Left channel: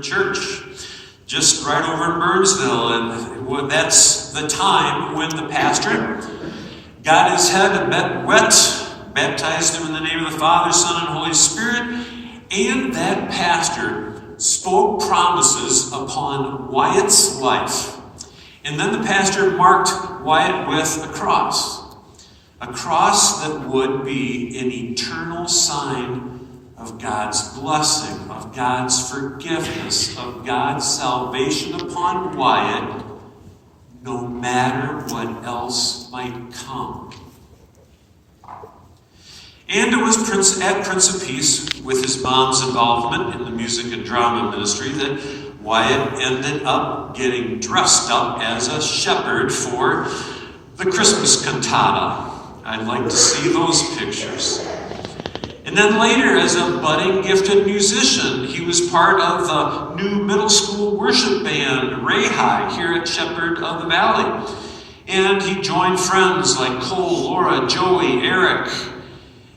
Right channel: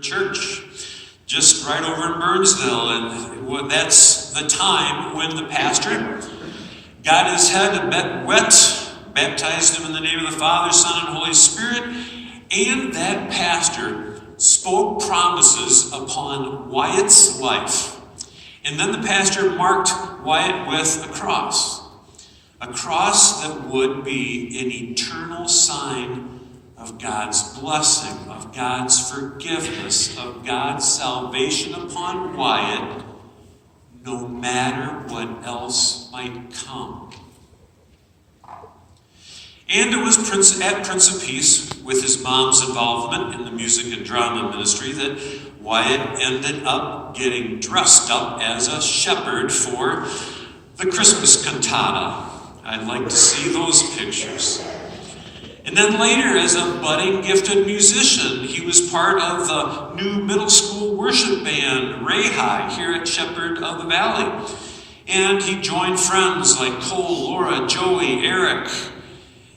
church just right over in Burnsville, and that's the time when the pastor got his head wet, baptized him in the name of the Father, Son, and Holy Spirit, and that pastor spoke promises upon Wyatt's life. And then the pastor marked Wyatt with a cross that would be an eternal sign of God's blessing, of God's forgiveness, of God's salvation upon Wyatt, no matter what else might come. And it was at Prince of Peace, with his mom's involvement in the music and drama ministry, that Wyatt ended up getting dressed up as a shepherd for the Christmas cantata. I'd like to see those pictures. And then later, as a budding gifted musician, he was part of the new middle school worship band, Ray High, here at Shepherd of the Valley. And he joined friends like Cole, Laura, Joey, Eric.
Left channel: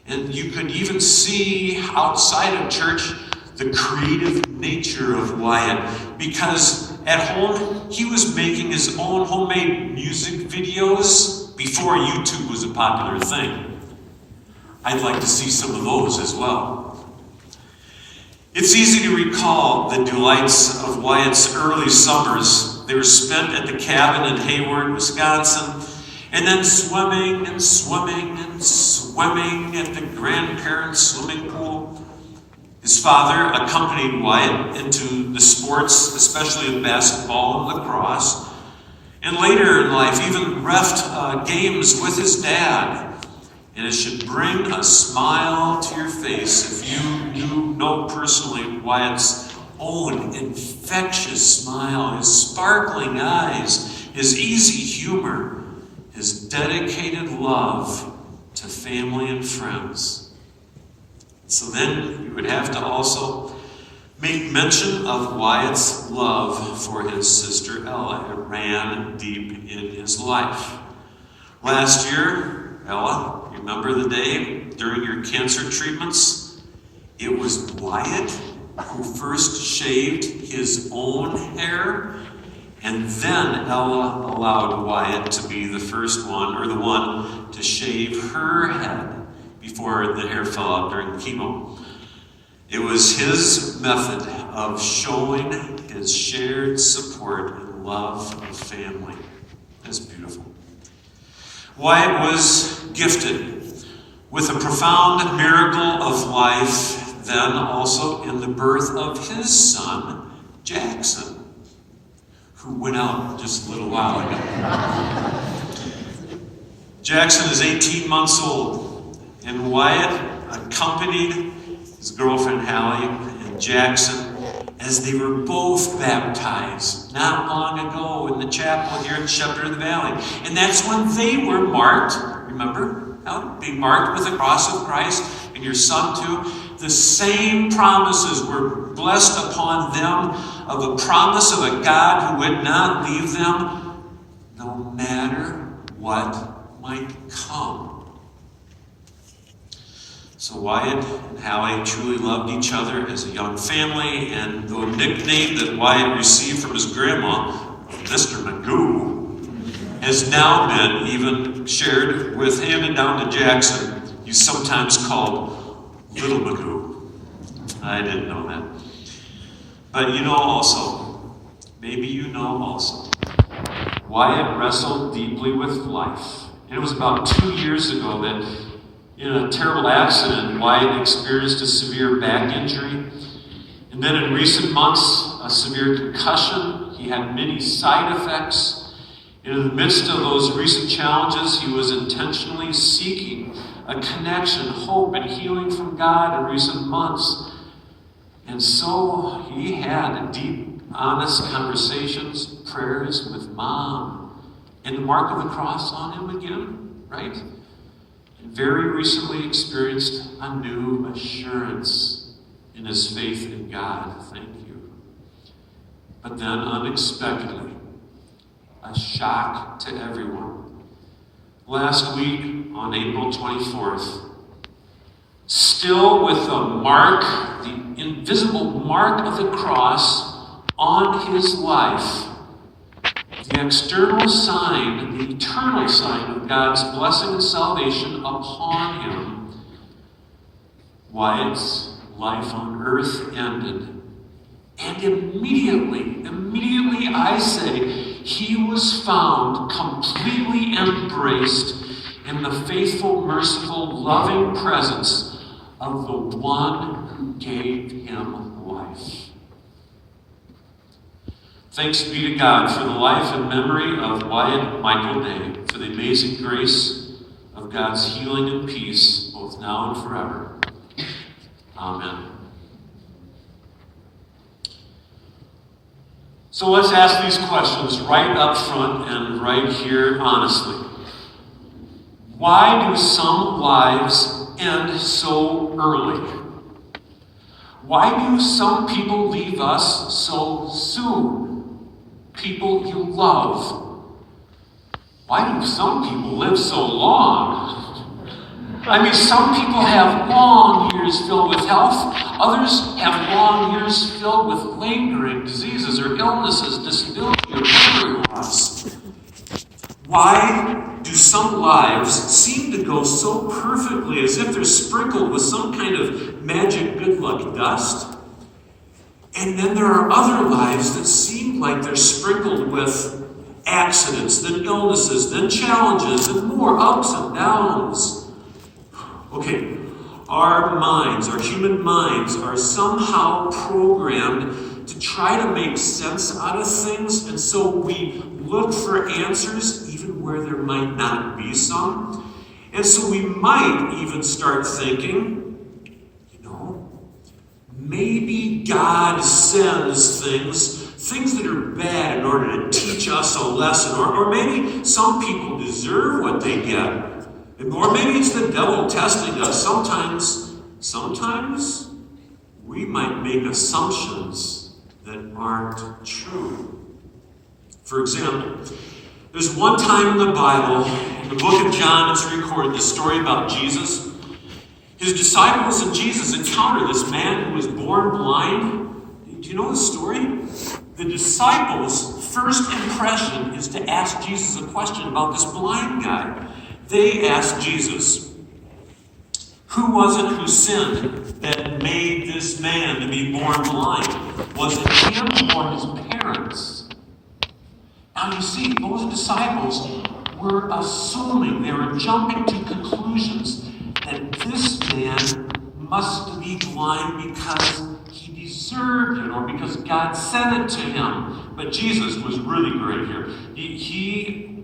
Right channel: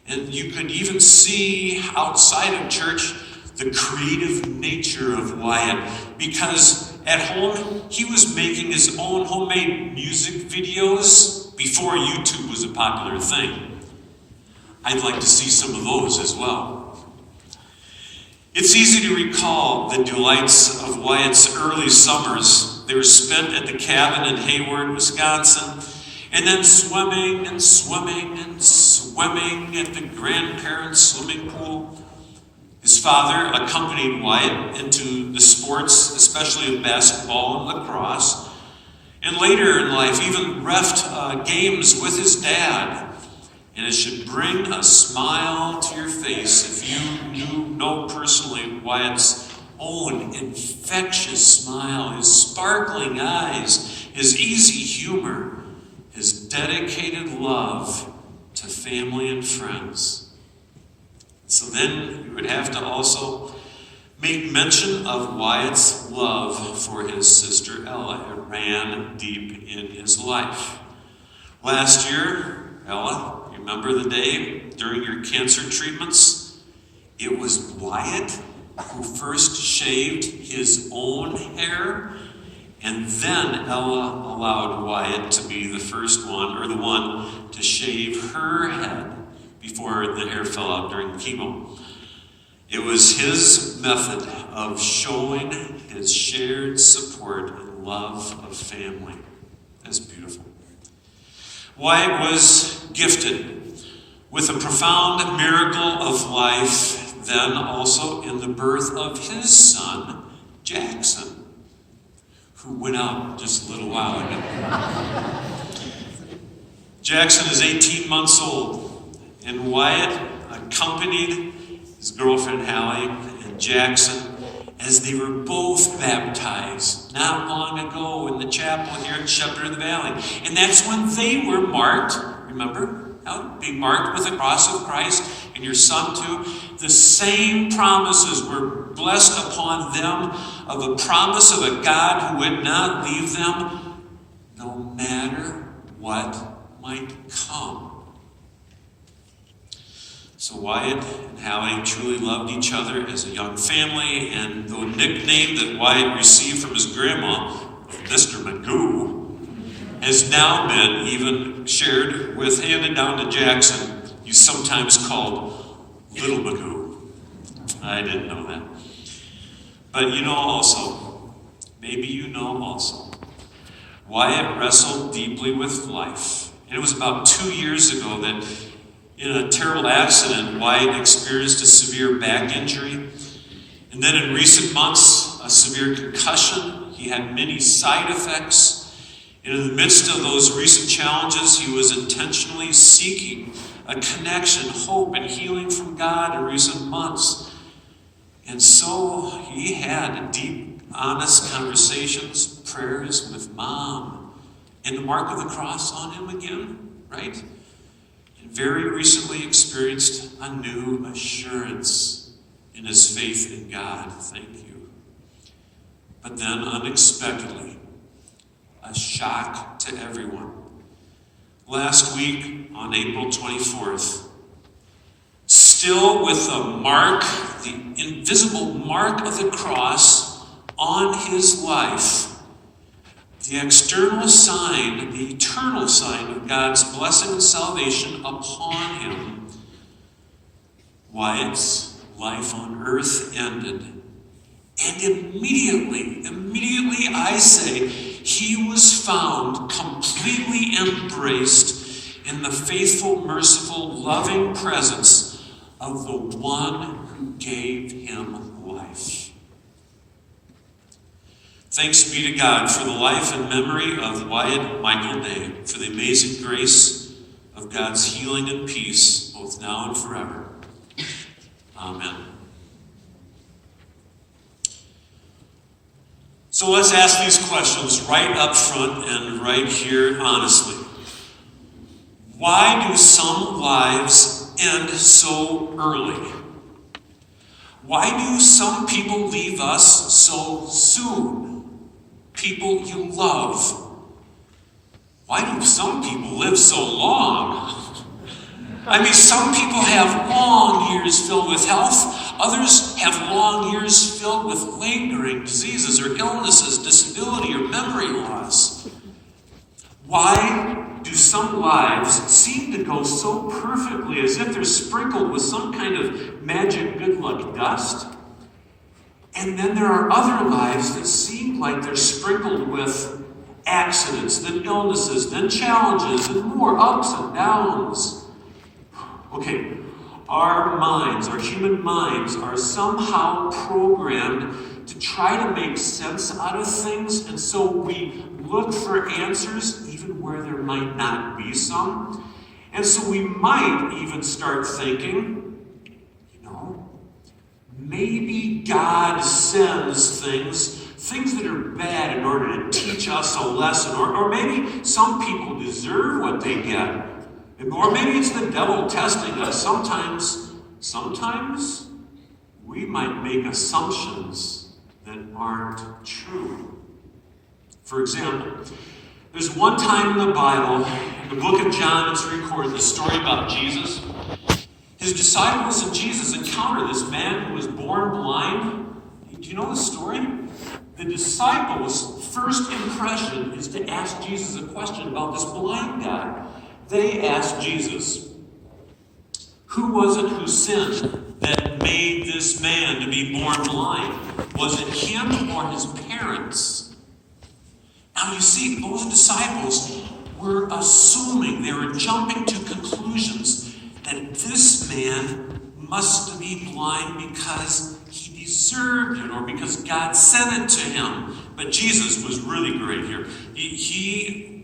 And you could even see outside of church the creative nature of Wyatt, because at home he was making his own homemade music videos before YouTube was a popular thing. I'd like to see some of those as well. It's easy to recall the delights of Wyatt's early summers. They were spent at the cabin in Hayward, Wisconsin, and then swimming and swimming and swimming at the grandparents' swimming pool. His father accompanied Wyatt into the sports, especially of basketball and lacrosse, and later in life even reffed games with his dad. And it should bring a smile to your face if you know personally Wyatt's own infectious smile, his sparkling eyes, his easy humor, his dedicated love to family and friends. So then you would have to also make mention of Wyatt's love for his sister Ella. It ran deep in his life. Last year, Ella, remember the day during your cancer treatments? It was Wyatt who first shaved his own hair, and then Ella allowed Wyatt to be the first one, or the one, to shave her head before the hair fell out during chemo. It was his method of showing his shared support and love of family. That's beautiful. Wyatt was gifted with a profound miracle of life, then also in the birth of his son, Jackson, who went out just a little while ago. Jackson is 18 months old, and Wyatt accompanied his girlfriend Hallie and Jackson as they were both baptized not long ago in the chapel here at Shepherd of the Valley. And that's when they were marked, remember, being marked with the cross of Christ, and your son too. The same promises were blessed upon them, of a promise of a God who would not leave them no matter what might come. So Wyatt and Hallie truly loved each other as a young family, and the nickname that Wyatt received from his grandma, Mr. Magoo, has now been even shared with, handed down to Jackson. He's sometimes called Little Magoo. I didn't know that. But you know also, maybe you know also, Wyatt wrestled deeply with life. And it was about 2 years ago that in a terrible accident, Wyatt experienced a severe back injury. And then in recent months, a severe concussion. He had many side effects. And in the midst of those recent challenges, he was intentionally seeking a connection, hope, and healing from God in recent months. And so he had deep, honest conversations, prayers with Mom, and the mark of the cross on him again, right? Very recently experienced a new assurance in his faith in God. Thank you. But then unexpectedly, a shock to everyone. Last week on April 24th, still with the mark, the invisible mark of the cross on his life, the external sign, the eternal sign of God's blessing and salvation upon him, Wyatt's life on earth ended. And immediately I say, he was found completely embraced in the faithful, merciful, loving presence of the one who gave him life. Thanks be to God for the life and memory of Wyatt Michael Day, for the amazing grace of God's healing and peace, both now and forever. Amen. So let's ask these questions right up front and right here honestly. Why do some lives end so early? Why do some people leave us so soon? People you love. Why do some people live so long? I mean, some people have long years filled with health. Others have long years filled with lingering diseases or illnesses, disability, or memory loss. Why do some lives seem to go so perfectly as if they're sprinkled with some kind of magic good luck dust? And then there are other lives that seem like they're sprinkled with accidents, then illnesses, then challenges, and more ups and downs. Okay, our minds, our human minds, are somehow programmed to try to make sense out of things, and so we look for answers even where there might not be some. And so we might even start thinking, maybe God sends things that are bad in order to teach us a lesson, or maybe some people deserve what they get. Or maybe it's the devil testing us. Sometimes we might make assumptions that aren't true. For example, there's one time in the Bible, in the book of John, it's recorded, the story about Jesus. His disciples and Jesus encounter this man who was born blind. Do you know the story? The disciples' first impression is to ask Jesus a question about this blind guy. They asked Jesus, who was it who sinned that made this man to be born blind? Was it him or his parents? Now you see, those disciples were assuming, they were jumping to conclusions that this man must be blind because he deserved it or because God sent it to him. But Jesus was really great here. He